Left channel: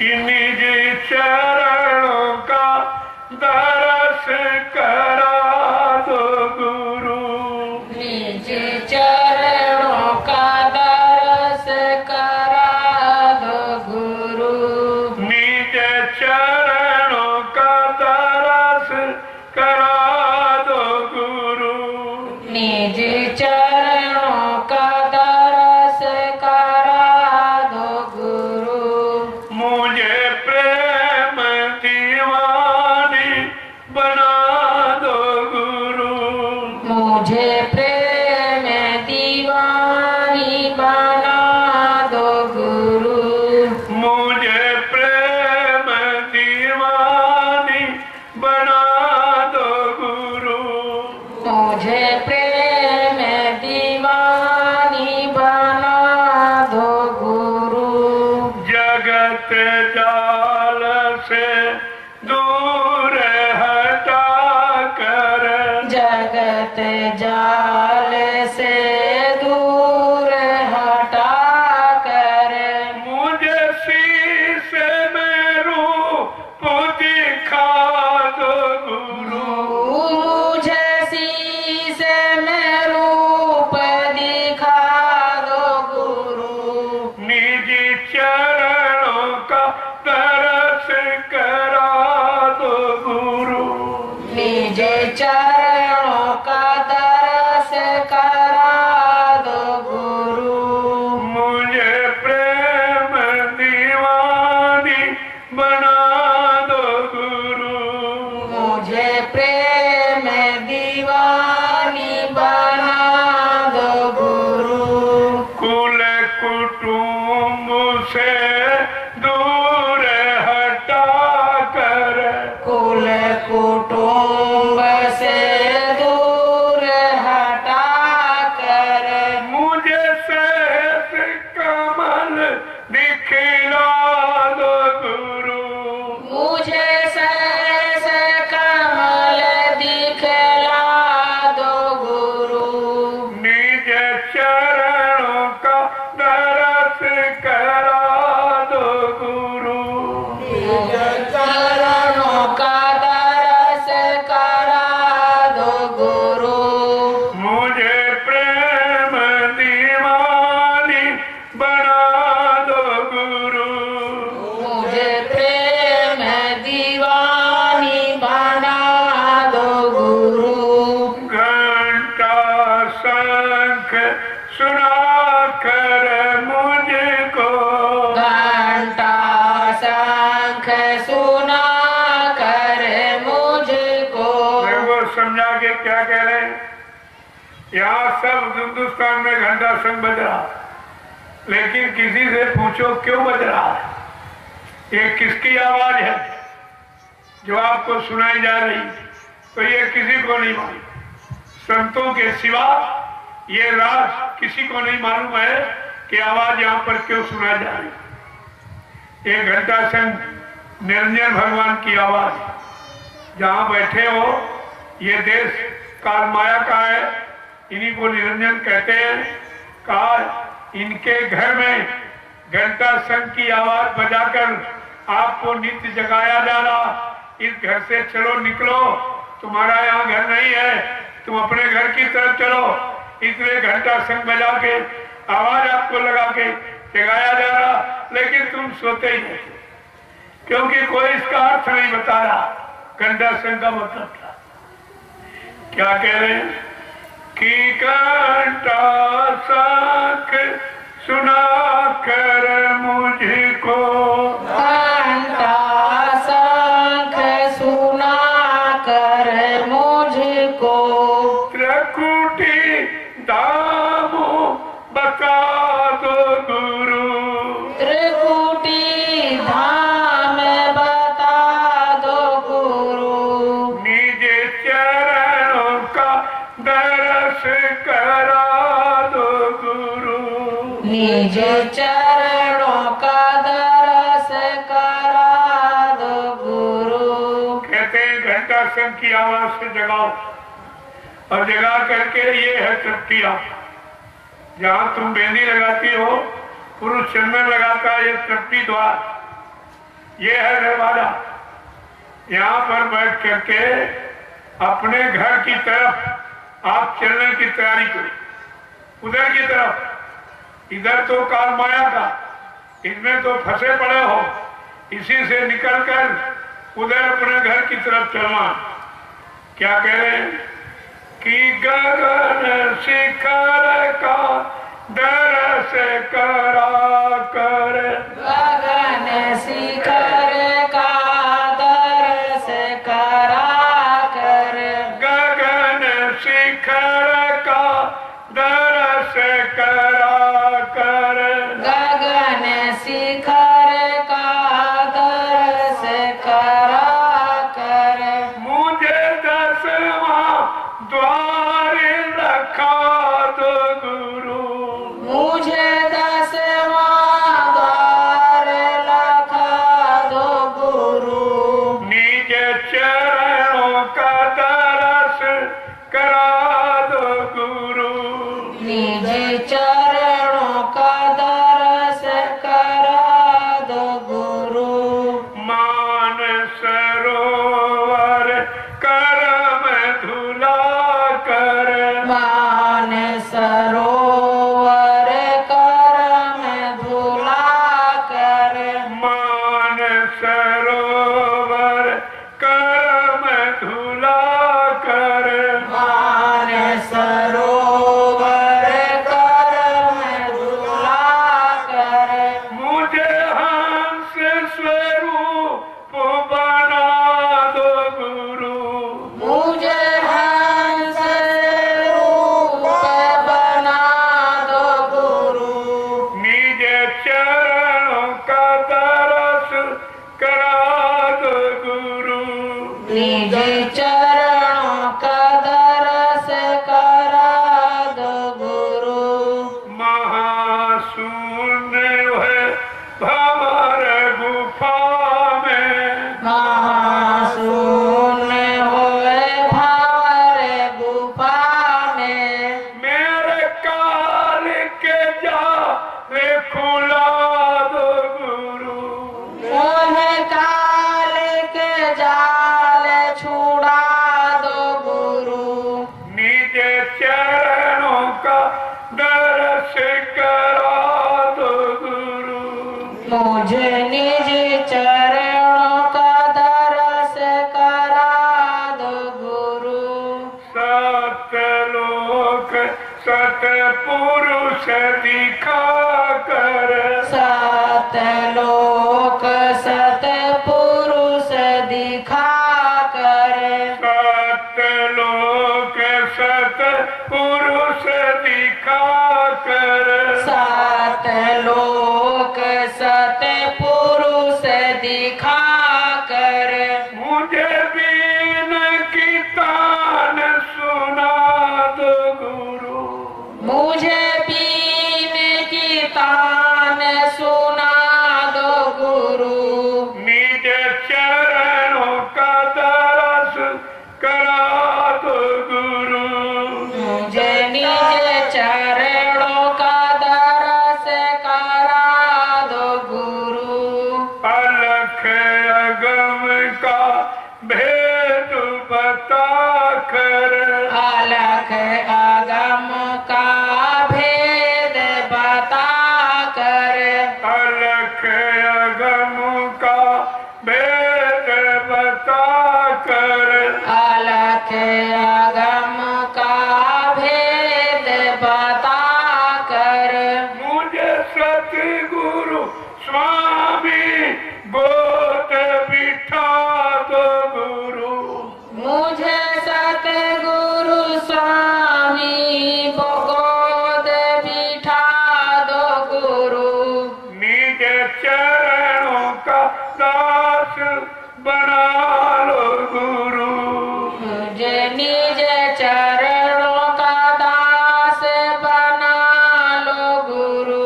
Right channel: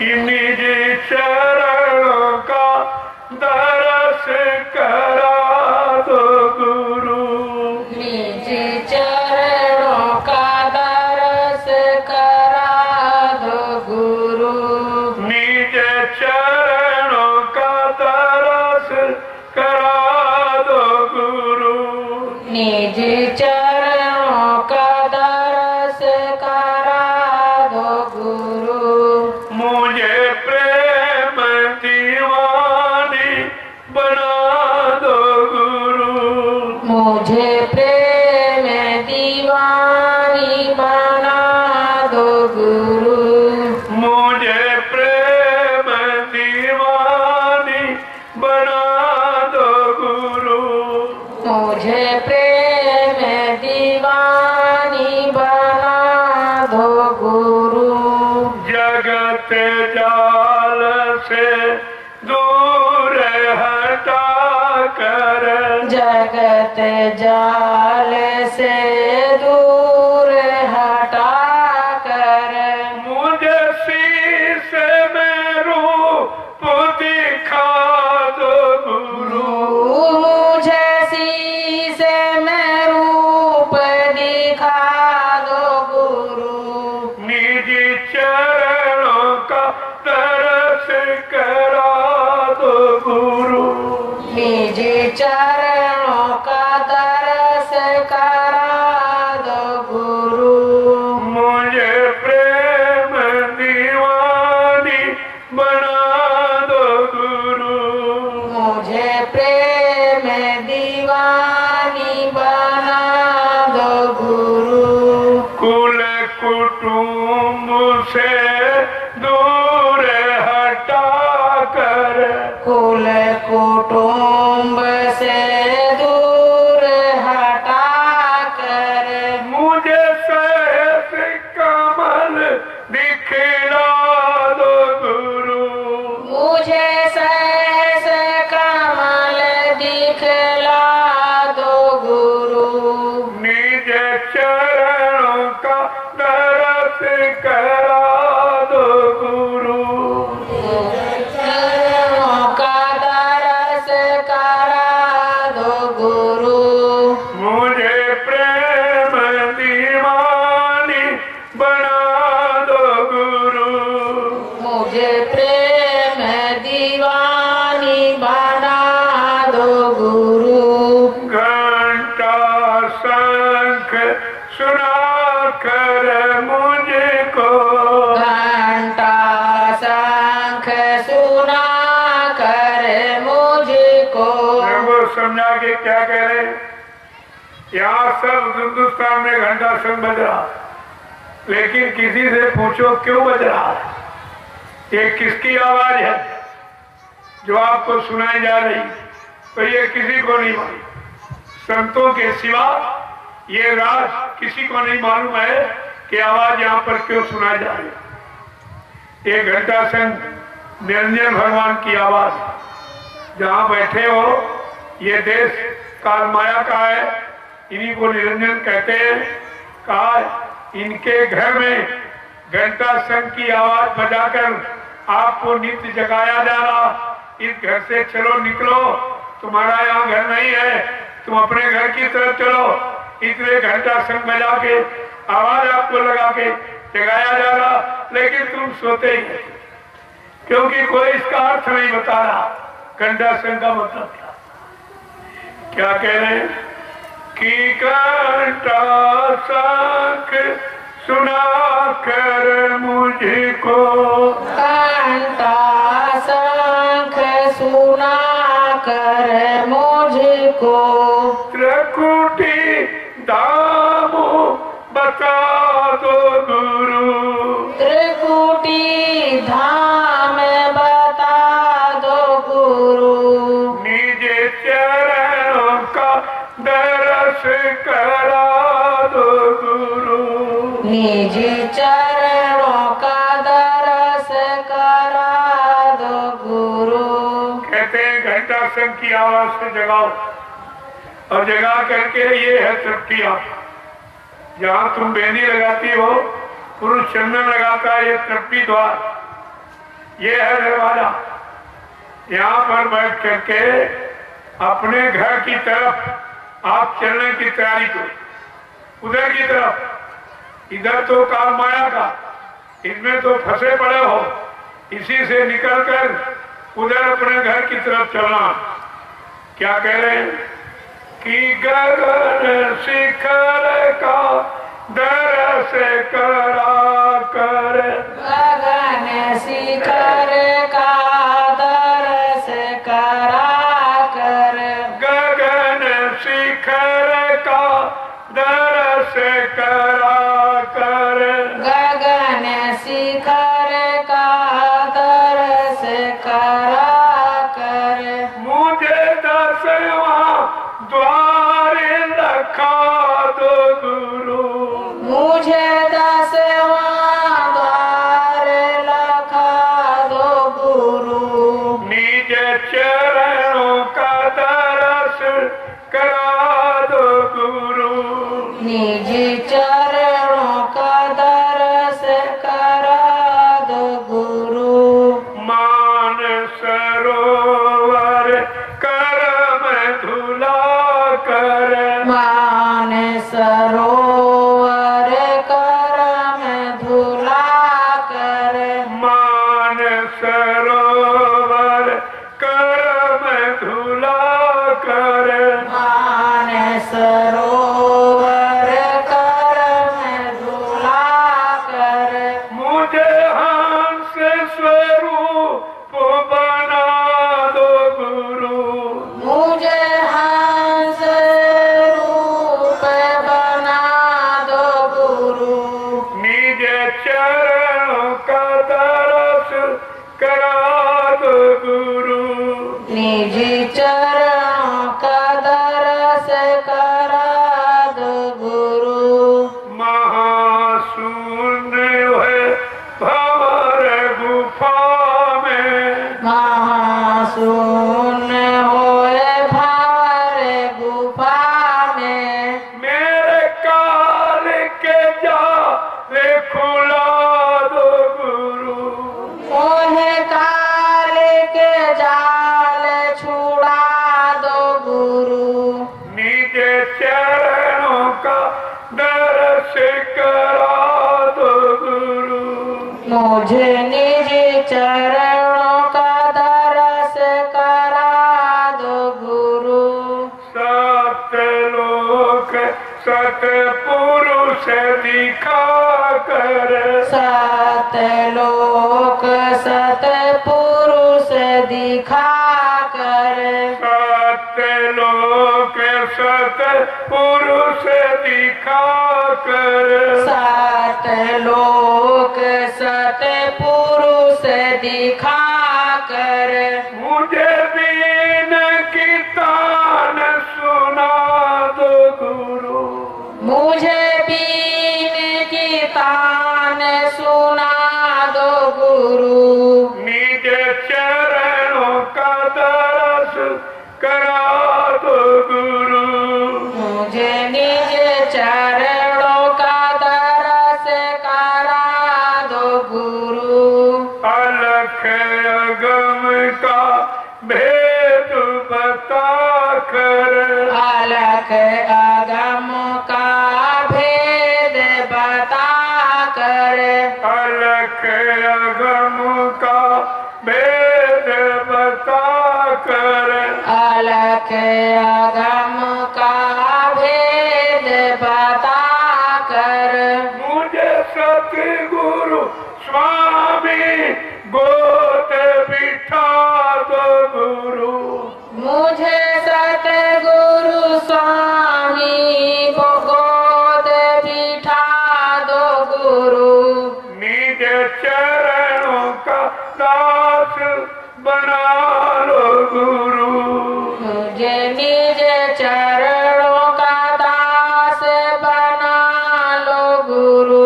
निज चरणों का दरस करा दो गुरु। निज चरणों का दरस करा दो गुरु। निज चरणों का दरस करा दो गुरु। निज चरणों का दरस करा दो गुरु। मुझे प्रेम दीवानी बना दो गुरु। मुझे प्रेम दीवानी बना दो गुरु। मुझे प्रेम दीवानी बना दो गुरु। मुझे प्रेम दीवानी बना दो गुरु। जगत जाल से दूर हटा कर। जगत जाल से दूर हटा कर। मुझे शीश में रूप दिखा दो गुरु। मुझे शीश में रूप दिखा दो गुरु। निज चरणों का दरस करा दो गुरु। निज चरणों का दरस करा दो गुरु। मुझे प्रेम दीवानी बना दो गुरु। मुझे प्रेम दीवानी बना दो गुरु। कुल कुटुंब से दूर हटा कर। कुल कुटुंब से दूर हटा कर। मुझे सैफ कमल दिखला दो गुरु। मुझे सहस कमल दिखला दो गुरु। निज चरणों का दरस करा दो गुरु। चरणों का दरस करा दो गुरु। मुझे प्रेम दीवानी बना दो गुरु। मुझे प्रेम दीवानी बना दो गुरु। घंटा शंख सुना कर मुझको। घंटा शंख सुना कर मुझको। मैं वो समझा के क्या कह रहे हैं? यहाँ सब हिंदुस्तान में घंटा शंख बज रहा है, लेकिन किसी से पूछो क्यों बज रहा है, ये किसकी आवाज है जो आपको सुनाई जा रही, तो ये किसी को नहीं मालूम। संतों के सिवा ये राज किसी को नहीं मालूम है कि आवाज यहाँ पर क्यों सुनाई जा रही है। ये घंटा शंख निरंजन भगवान की आवाज है। जहाँ बैठे हो, ये देश काल माया का है, इन्हीं को निरंजन कहते हैं। कहा इनके घर में घंटा शंख की आवाज बजाकर आपको नित्य जगाया जा रहा। इस घर से चलो, निकलो, तुम्हारा यहाँ घर नहीं है, तुम अपने घर की तरफ चलो। इसलिए घंटा शंख बजा के आवाज आपको लगा के जगाया जा रहा, लेकिन तुम सोते ही नहीं, क्योंकि कोई इसका अर्थ नहीं बता रहा। घंटा शंख का मतलब क्या कह रहे हैं कि घंटा शंख सुना कर मुझको। घंटा शंख सुना कर मुझको। त्रिकुटी धाम बता दो गुरु। त्रिकुटी धाम बता दो गुरु। निज चरणों का दरस करा दो गुरु। निज चरणों का दरस करा दो गुरु। कहते हैं घंटा शंख की आवाज से जगाओ, और जगा करके ये है तृप्तियां। जहाँ तुम बेंदी लगाती हो, पुरुष चंदन लगाता है, ये तृप्ति द्वार। ये है नरवाला। यहाँ पर बैठ करके अपने घर की तरफ आप चलने की तैयारी करो, उधर की तरफ। इधर तो काल माया का, इसमें तो फंसे पड़े हो, इसी से निकलकर उधर अपने घर की तरफ चलना। क्या कह रहे हैं कि गगन शिखर का दरस करा कर, गगन शिखर का दरस करा कर, गगन शिखर का दरस करा कर, गगन शिखर का दरस करा कर, मुझे 10वां द्वार रखा दो गुरु, मुझे 10वां द्वार लखा दो गुरु, निज चरणों का दरस करा दो गुरु, निज चरणों का दरस करा दो गुरु, मान सरोवर करम धुला कर, मान सरोवर करम धुला कर, मान सरोवर करम धुला कर, मान सरोवर करम धुला कर, मुझे हंस स्वरूप बना दो गुरु, मुझे हंस रूप बना दो गुरु, निज चरणों का दरस करा दो गुरु, निज चरणों का दरस करा दो गुरु, महाशून्य है भंवर गुफा में, महाशून्य होए भारे गुफा में, मेरे काल के जाले खुला दो गुरु, मोहे काल के जाल छुड़ा दो गुरु, निज चरणों का दर्श करा दो गुरु, मुझे निज चरणों का दरस करा दो गुरु, सतलोक सतपुरुष दिखा कर, सतलोक सतपुरुष दिखा कर, सतलोक सतपुरुष दिखा कर, सतलोक सतपुरुष दिखा कर, मुझे बीन की तान सुना दो गुरु, मुझे बीन की तान सुना दो गुरु, निज चरणों का दरस करा दो गुरु, मुझे निज चरणों का दरस करा दो गुरु, अलख अगम का भेद बता कर, अलख अगम का भेद बता कर, अलख अगम का भेद बता कर, अलख अगम का भेद बता कर, मुझे सतगुरु स्वामी गोद बिठा दो गुरु, मुझे सतगुरु स्वामी गोद बिठा दो गुरु, निज चरणों का दास बना लो गुरु, मुझे निज चरणों का दास बना लो गुरु,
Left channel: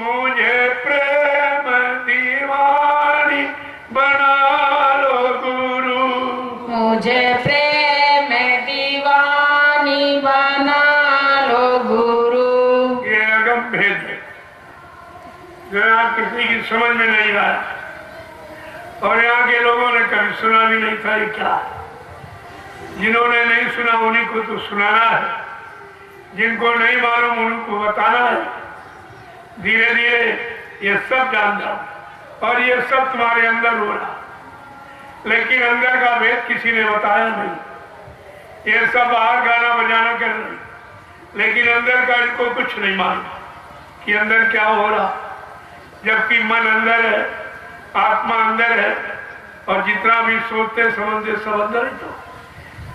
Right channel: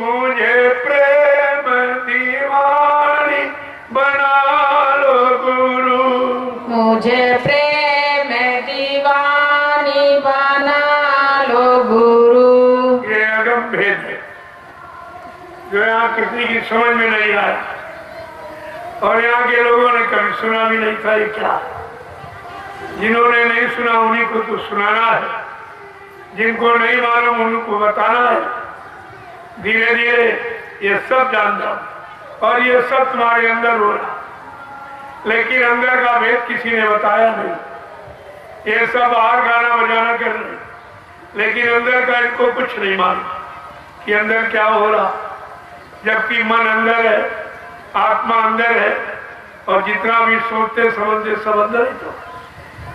मुझे प्रेम दीवानी बना लो गुरु, मुझे प्रेम दीवानी बना लो गुरु, ये अगम भेद है जो यहाँ किसी की समझ में नहीं आया। और यहाँ के लोगों ने कभी सुना भी नहीं था ये क्या। जिन्होंने नहीं सुना उन्हीं को तो सुनाना है, जिनको नहीं मालूम उनको बताना है। धीरे धीरे ये सब जान जाओ और ये सब तुम्हारे अंदर हो रहा, लेकिन अंदर का भेद किसी ने बताया नहीं। ये सब बाहर गाना बजाना कर रहे, लेकिन अंदर का इनको कुछ नहीं मालूम कि अंदर क्या हो रहा। जबकि मन अंदर है, आत्मा अंदर है, और जितना भी सोचते समझते सब अंदर ही। तो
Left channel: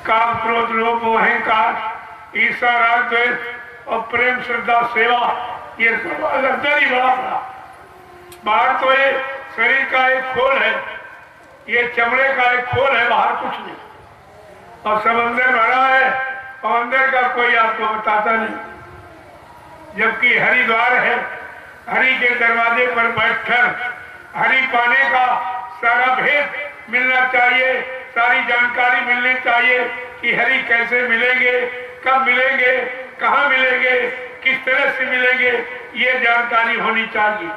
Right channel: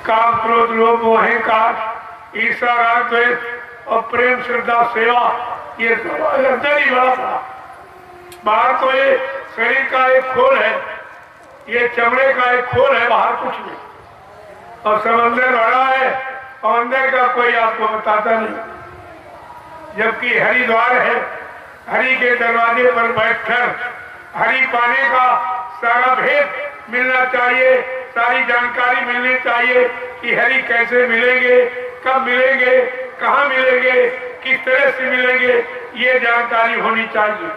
काम क्रोध लोभ मोह अहंकार ईर्ष्या राग द्वेष और प्रेम श्रद्धा सेवा, ये सब अंदर ही बड़ा था। बाहर तो ये शरीर का एक खोल है, ये चमड़े का एक खोल है, बाहर कुछ नहीं, और सब अंदर भरा है और अंदर का कोई आपको बताता नहीं। जबकि हरि द्वार है, हरि के दरवाजे पर बैठकर हरि पाने का सारा भेद मिलना चाहिए, सारी जानकारी मिलनी चाहिए कि हरि कैसे मिलेंगे, कब मिलेंगे, कहाँ मिलेंगे, किस तरह से मिलेंगे, ये जानकारी होनी चाहिए।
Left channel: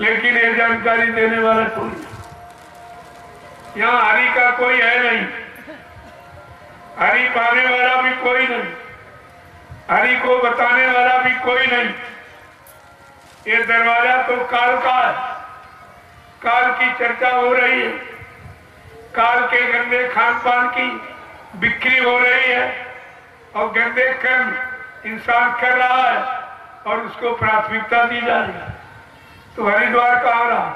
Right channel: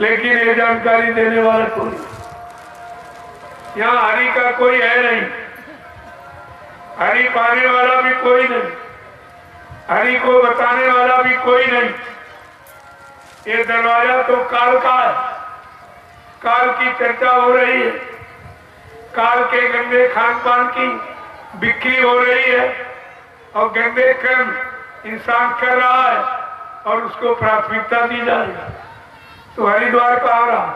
लेकिन ये जानकारी देने वाला कोई, यहाँ हरि का कोई है नहीं, हरि पाने वाला भी कोई नहीं, हरि को बताने वाला भी कोई नहीं। ये दरवाजा तो काल का है, काल की चर्चा हो रही है, काल के गंदे खान पान की बिक्री हो रही है, और गंदे कर्म इंसान कर रहा है और उसको प्राथमिकता दी जा रही है। तो हरिद्वार का आ रहा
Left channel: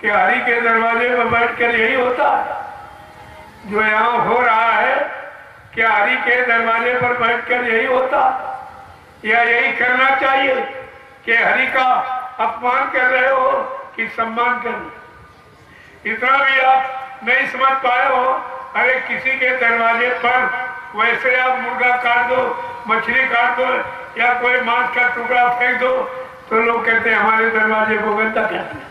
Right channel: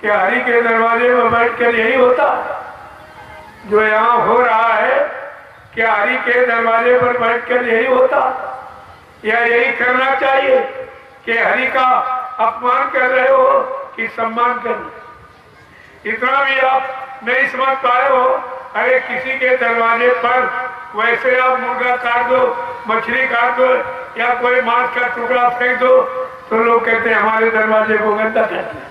कि हरि के दरवाजे में बैठकर यही होता है जो यहाँ हो रहा है, कि हरि के दरवाजे पर बैठकर यही होता, या यही करना चाहिए कि हरि का अपमान कर रहे हो कि सम्मान कर रहे। इतना भी आप नहीं समझ पाए हो, अरे किसी के दरवाजे पर वैसे आप मुर्गा काट दो, मछली काट दो, या कोई मांस का टुकड़ा फेंक दो, तो लोग कहते हैं हमारे दरवाजे को गंदा कहते हैं,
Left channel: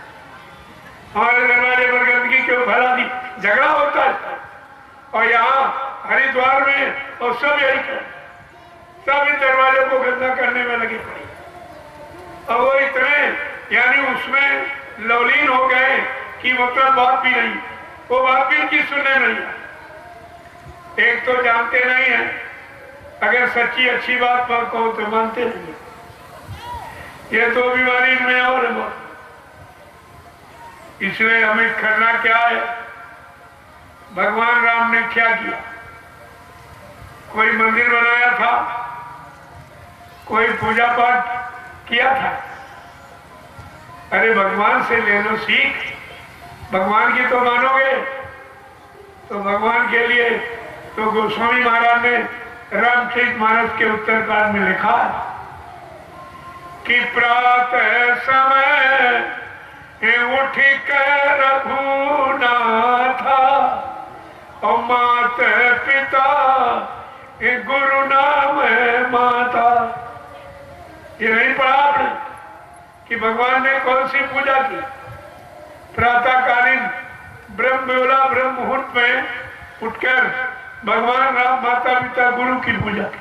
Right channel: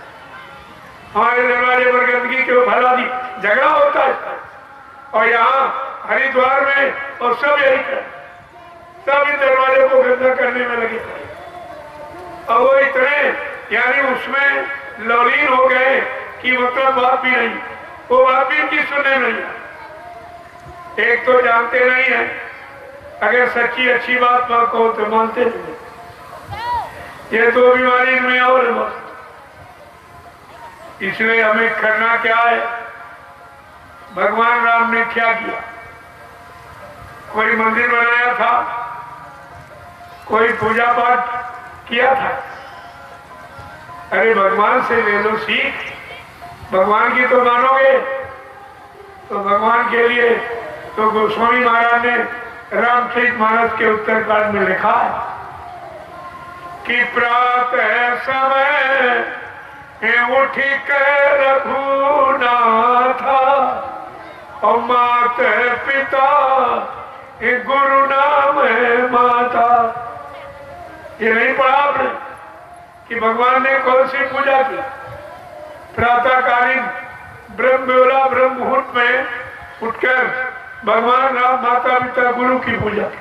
हमारे दरवाजे पर गंदगी क्यों फैला दी, झगड़ा होता है। और यहाँ हरिद्वार में और सब यही कर, सब इन दरवाजे को गंदा करने में लगे। अब वो इतने यानी उसमें लौलीन हो गए कि मतलब बात भी नहीं, वो बात भी उनकी सुनने नहीं है। एक तो जानते नहीं है, अगर सच्ची अच्छी बात कहो तो मानते नहीं। ये तो बीमारी में और है। इसलिए हमें करना क्या है, भगवान राम ने क्या किया, कोई मंदिर बनाया था, कोई पूजा पाठ किया था। अरे भगवान से ले लो सीख, भगवान की तो मानोगे, तो भगवान के लिए तो गोस्वामी महाराज ने रामचरितमानस के उत्तरकांड में लिखा है कि प्रातः समय उठ कर रघुनाथा और मात पिता गुरु नाम माता। ये नहीं पढ़ा आपने कि भगवान ने कौन सी पूजा की? प्रातःकालीन ब्रह्म मुहूर्त में उठकर भगवान राम माता पिता गुरु की पूजा की,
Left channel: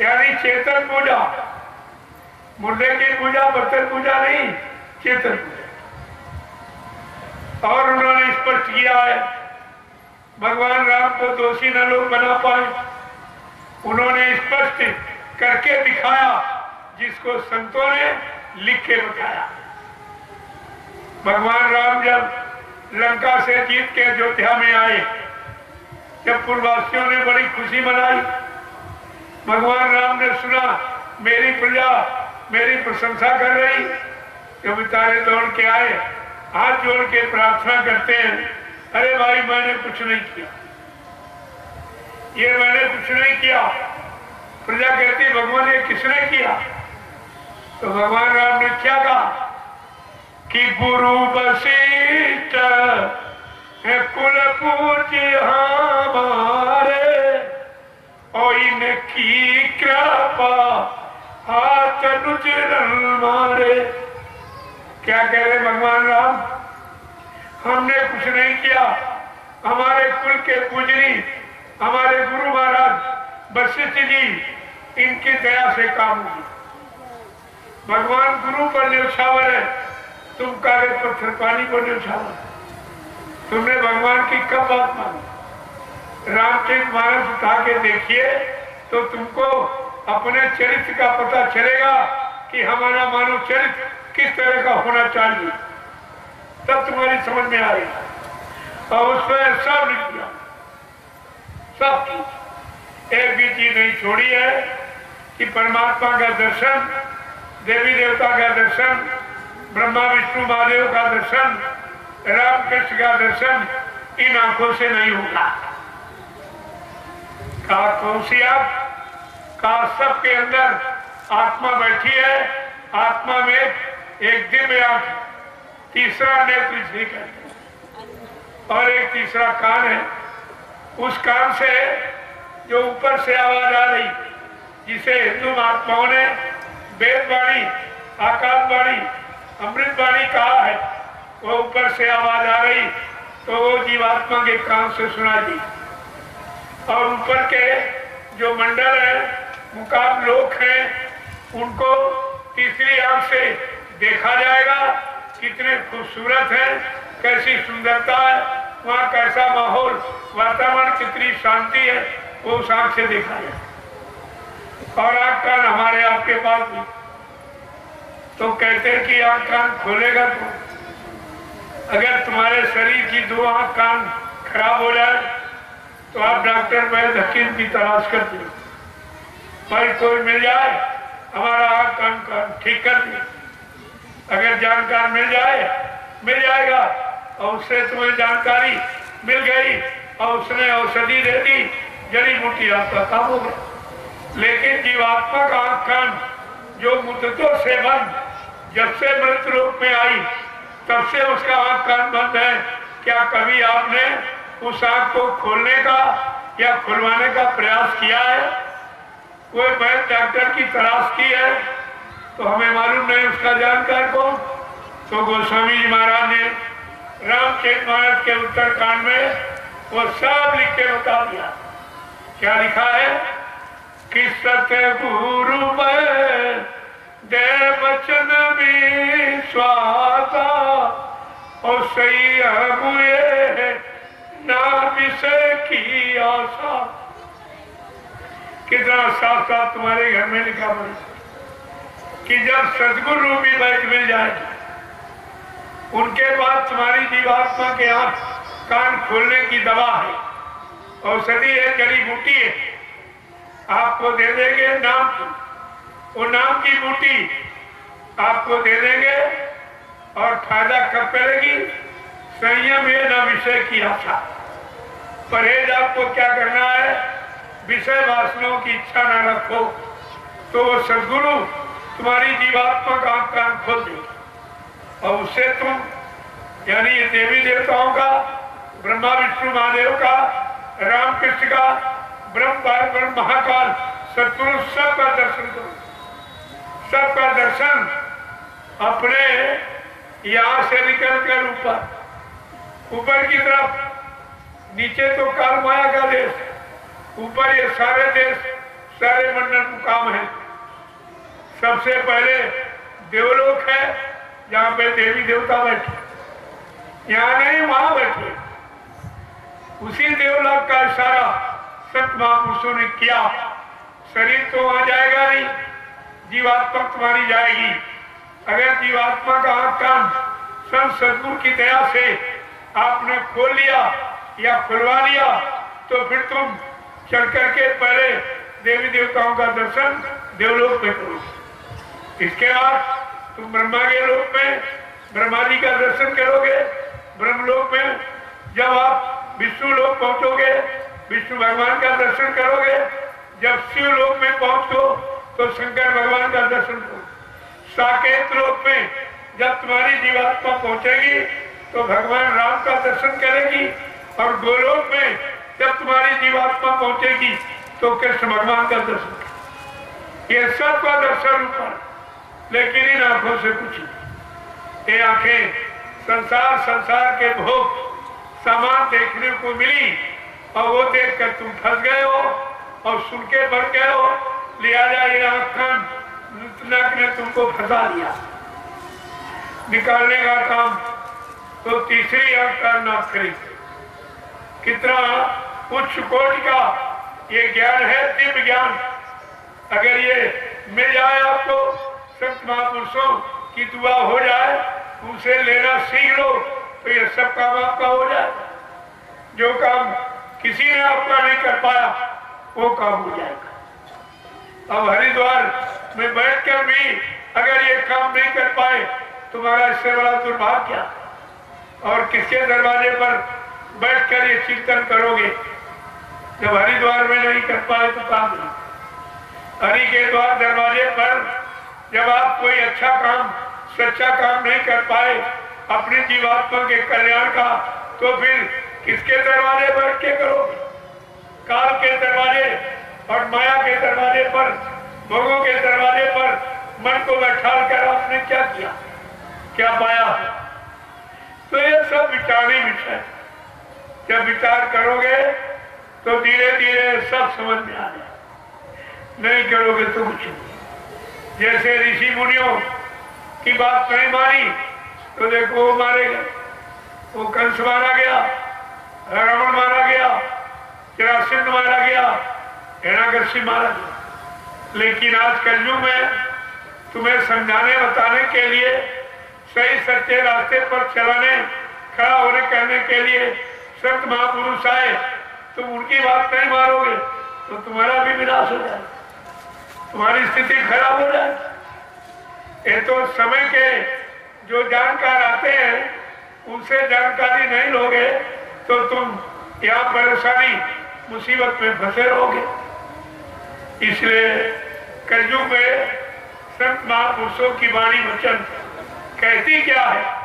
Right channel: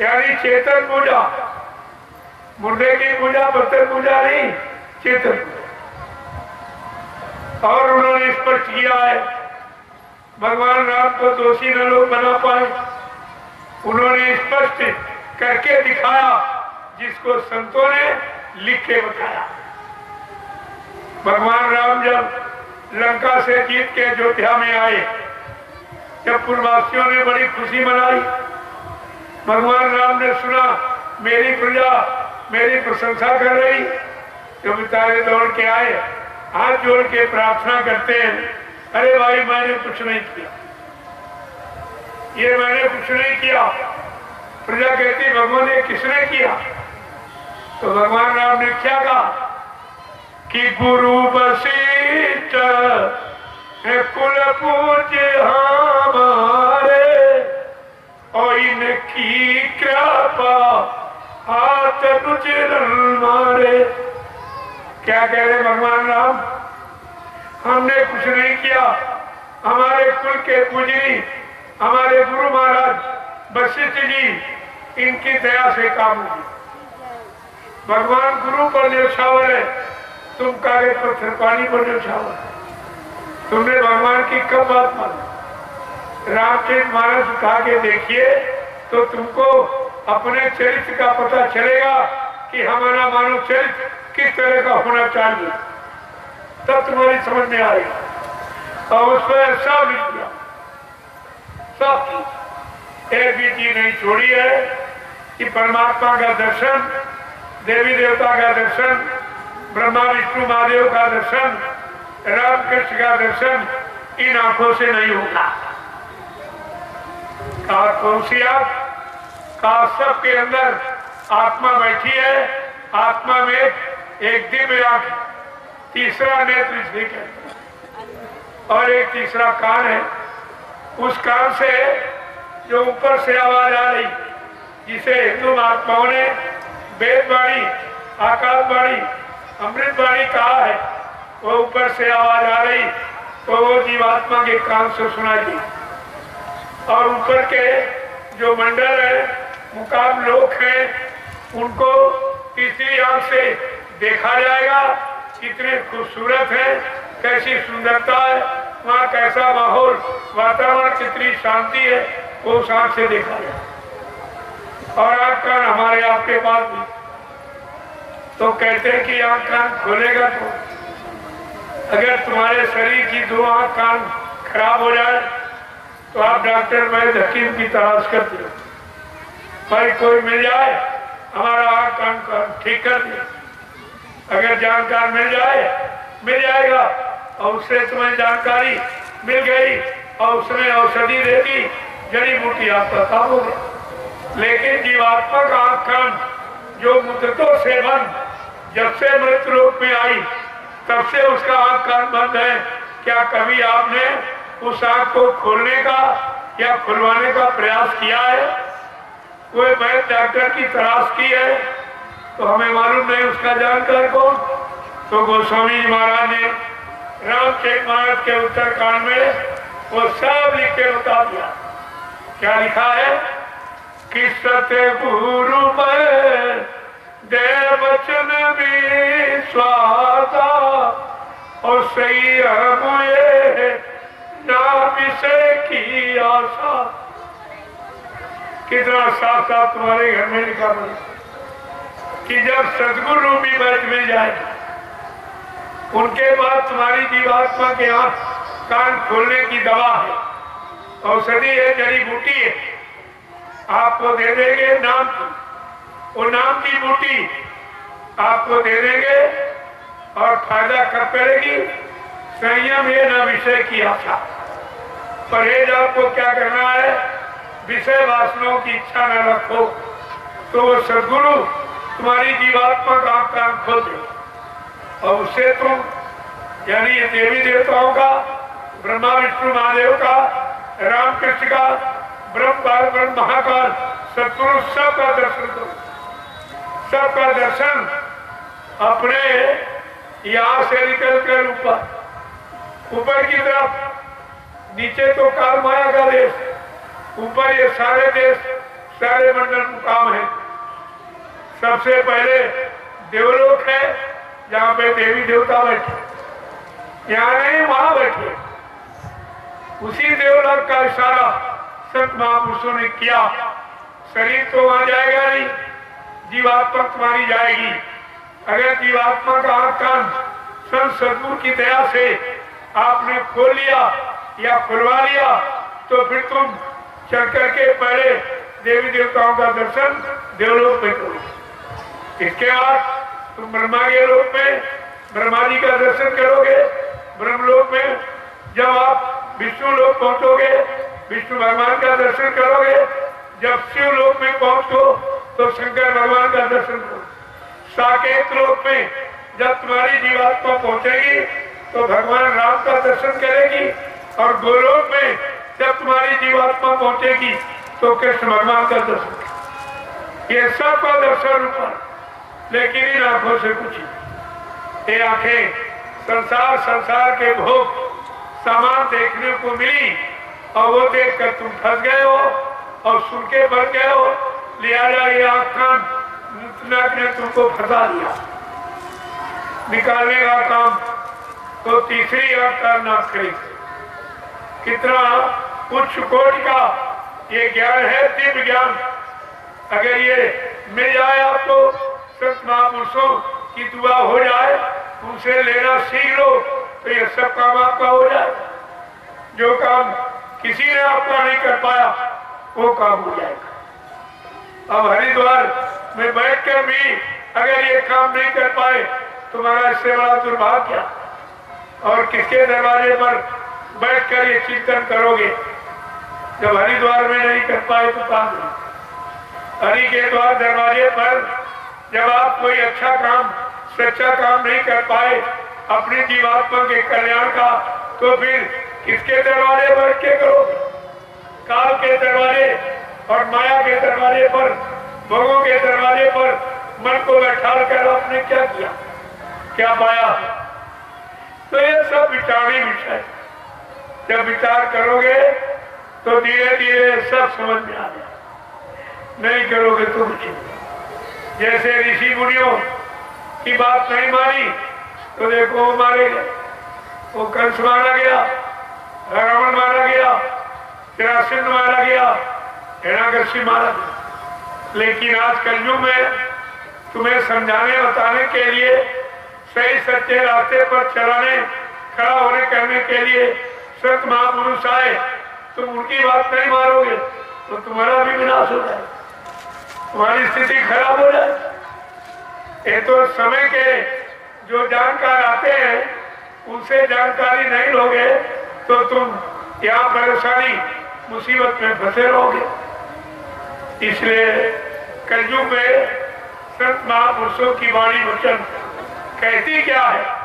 यानी चेतन पूजा, मुर्दे की पूजा, पत्थर पूजा नहीं, चेतन पूजा। और उन्होंने स्पष्ट किया है, भगवान राम को दोषी न लोग बना पाए, उन्होंने स्पष्ट करके दिखाया जिसको संतों ने लिख के बताया। भगवान राम जब लंका से जीत के अयोध्या में आए, जब पूर्ववासियों ने बड़ी खुशी मनाई, भगवान राम ने सुना मेरी प्रजा मेरी प्रशंसा कर रही, तो बेचारे दौड़ के आए, हाथ जोड़ के प्रार्थना करते हैं, अरे भाई मैंने कुछ नहीं किया, ये मैंने कुछ नहीं किया। प्रजा कहती भगवान ये किसने किया? तो भगवान राम ने क्या कहा कि गुरु वशिष्ठ कुल पूज्य हमारे और इनकी कृपा हाथ रुचिरन मारे। क्या कह रहे भगवान राम? हमने कुछ नहीं किया, हमारे कुल के पूजनी हमारे गुरु महाराज वशिष्ठ जी, इनकी दया से काम हुई। भगवान गुरु पर न्यौछावर है, तुम कागज पत्थर पानी पर न्यौछावर। तुमने भगवान की कब बात मानी? रामचरितमानस उठा के देखिए तो तुमको अपने चरित्र का पता चलेगा कि हमारा मानव चरित्र किस तरह का होना चाहिए, तब तुम्हारी समझ में आएगी। और उसमें सब लिख दिया, सब चीज, एक भी चीज नहीं छोड़ी है कि परमात्मा का दर्शन, देवी देवता का दर्शन, ब्रह्मा विष्णु महादेव का दर्शन, राम कृष्ण का दर्शन इन आंखों से नहीं होगा। कहा कौन सी आंख? कहा सबके अंदर आत्मा बैठी है, आत्मा में एक दिव्य आंख, तीसरा नेत्र इसलिए कहते हैं, और एक तीसरा कान है। उस कान से जो ऊपर से आवाज आ रही, जिसे हिंदू महात्माओं ने वेदवाणी, आकाशवाणी, अमृतवाणी कहा है, वो ऊपर से आवाज आ रही तो वो जीवात्मा के कान से सुनाई दी। और ऊपर के जो मंडल है, मुकाम लोक है, उनको तीसरी आंख से देखा जाएगा, कितने खूबसूरत है, कैसी सुंदरता है, वहाँ कैसा माहौल, वातावरण, कितनी शांति है, वो उस आंख से देखा जाए। और आंख कान हमारे आपके पास भी, तो कहते हैं कि आंख कान खोलेगा तो अगर तुम्हारे शरीर की दो आंख कान खराब हो जाए तो आप डॉक्टर वैद्य हकीम की तलाश करते हो, भाई कोई मिल जाए हमारा आंख कान ठीक कर दे। अगर जानकार मिल जाए, मिल जाएगा, और उससे तुम्हें जानकारी मिल गई और उसने औषधि दे दी, जड़ी बूटी आपका काम हो गया। लेकिन जीवात्मा का आंख कान जो मुद्दतों से बंद, जब से मृत्यु रूप में आई तब से उसका आंख कान बंद है। क्या कभी आपने उस आंख को खोलने का या खुलवाने का प्रयास किया है? कोई वैद्य डॉक्टर की तलाश की है? तो हमें मालूम नहीं उसका जानकार कौन। तो गोस्वामी जी महाराज ने रामचरितमानस के उत्तरकांड में वो सब लिख के बता दिया। क्या लिखा है कि सतगुरु में दे वचन विश्वासा और सही हुए नाम से की आशा। कितना साफ साफ तुम्हारे घर में लिखा है कि जब सदगुरु रूपी बैठ मिल जाएगी, उनके बाद तुम्हारी जीवात्मा के आंख कान खोलने की दवा है, औषधि है, जड़ी बूटी है, आपको दे देंगे नाम की। वो नाम की बूटी आपको दे देंगे और फायदा कब करेगी? संयम ये न विषय की आशा। परहेज आपको क्या करना है? विषय वासनाओं की इच्छा न रखो, तो वो सदगुरु तुम्हारी जीवात्मा का कान खोल दे और उससे तुम, यानी ये देवी देवताओं का, ब्रह्मा विष्णु महादेव का, राम कृष्ण का, ब्रह्म महाकाल, सतगुरु सबका दर्शन करो। सबका दर्शन अपने यहाँ से निकल कर ऊपर की तरफ, नीचे तो काल माया का देश, ऊपर ये सारे देश, सारे मंडल मुकाम है। सबसे पहले देवलोक है जहाँ पे देवी देवता बैठे, यहाँ नहीं वहां बैठे। उसी देवलोक का इशारा संत महापुरुषों ने किया। शरीर तो वहां जाएगा नहीं, जीवात्मा तुम्हारी जाएगी। अगर जीवात्मा का आंख कान संत सदगुरु की दया से आपने खोल लिया या खुलवा लिया तो फिर तुम चल करके पहले देवी देवताओं का दर्शन देवलोक में करो। इसके बाद तुम ब्रह्मा के लोक में ब्रह्मा जी का दर्शन करोगे। ब्रह्मलोक में जब आप विष्णु लोक पहुंचोगे, विष्णु भगवान का दर्शन करोगे। जब शिव लोक में पहुंचो तो शंकर भगवान का दर्शन करो। साकेत लोक में जब तुम्हारी जीवात्मा पहुंचेगी तो भगवान राम का दर्शन करेगी, और गोलोक में जब तुम्हारी जीवात्मा पहुंचेगी तो कृष्ण भगवान का दर्शन। ये सब का दर्शन ऊपर, लेकिन इन आंखों से कुछ, ये आंखें संसार के भोग सामान देखने को मिली और वो देखकर तुम फंस गए हो और सुन के बढ़ गए हो। लिहाजा ये आंख कान ने तुमको फंसा दिया। निकालने का काम तो तीसरी अवतार न करी। कितना उच्च कोटि का ये ज्ञान है, दिव्य ज्ञान। अगर ये मिल जाए आपको, संत महापुरुषों की दुआ हो जाए, उनसे लेना सीख लो, तो ये सब काम आपका हो जाए। जो काम किसी ने आपका नहीं कर पाया वो काम हो जाएगा। अब हरिद्वार में बैठकर भी अगर ये काम नहीं कर पाए, तुम्हारा इससे बड़ा दुर्भाग्य। और किसके दरवाजे पर बैठकर ये चिंतन करोगे? जब हरिद्वार में नहीं कर पाए तो काम नहीं। हरि के द्वार दरवाजे पर जब आप कोई अच्छा काम, सच्चा काम नहीं कर पाए अपनी जीवात्मा के कल्याण का, तो फिर किसके दरवाजे बैठ के करोगे? काल के दरवाजे और माया के दरवाजे पर, भोगों के दरवाजे पर मन को बैठा कर आपने क्या किया, क्या पाया? तो ये सब विचारने विषय। जब विचार करोगे तो धीरे धीरे सब समझ में आ जाए। नहीं करोगे तो कुछ नहीं। जैसे ऋषि मुनियों की बात नहीं मानी तो देखो वो मारे गए। वो कंस मारा गया, रावण मारा गया, जरासंध मारा गया, हिरण्यकशिपु मारा गया। लेकिन आज कलयुग में तुम्हें समझाने बताने के लिए, सही सच्चे रास्ते पर चलाने, खड़ा होने करने के लिए संत महापुरुष आए, तुम उनकी बात नहीं मारोगे तो तुम्हारा भी विनाश हो जाए, तुम्हारी स्थिति खराब हो जाए। ये तो समय के जो जानकार आते हैं उनसे जानकारी नहीं लोगे तो तुम यहाँ परेशानी मुसीबत में फंसे रहोगे। इसलिए कलयुग में संत महापुरुषों की वाणी वचन कहती क्या है?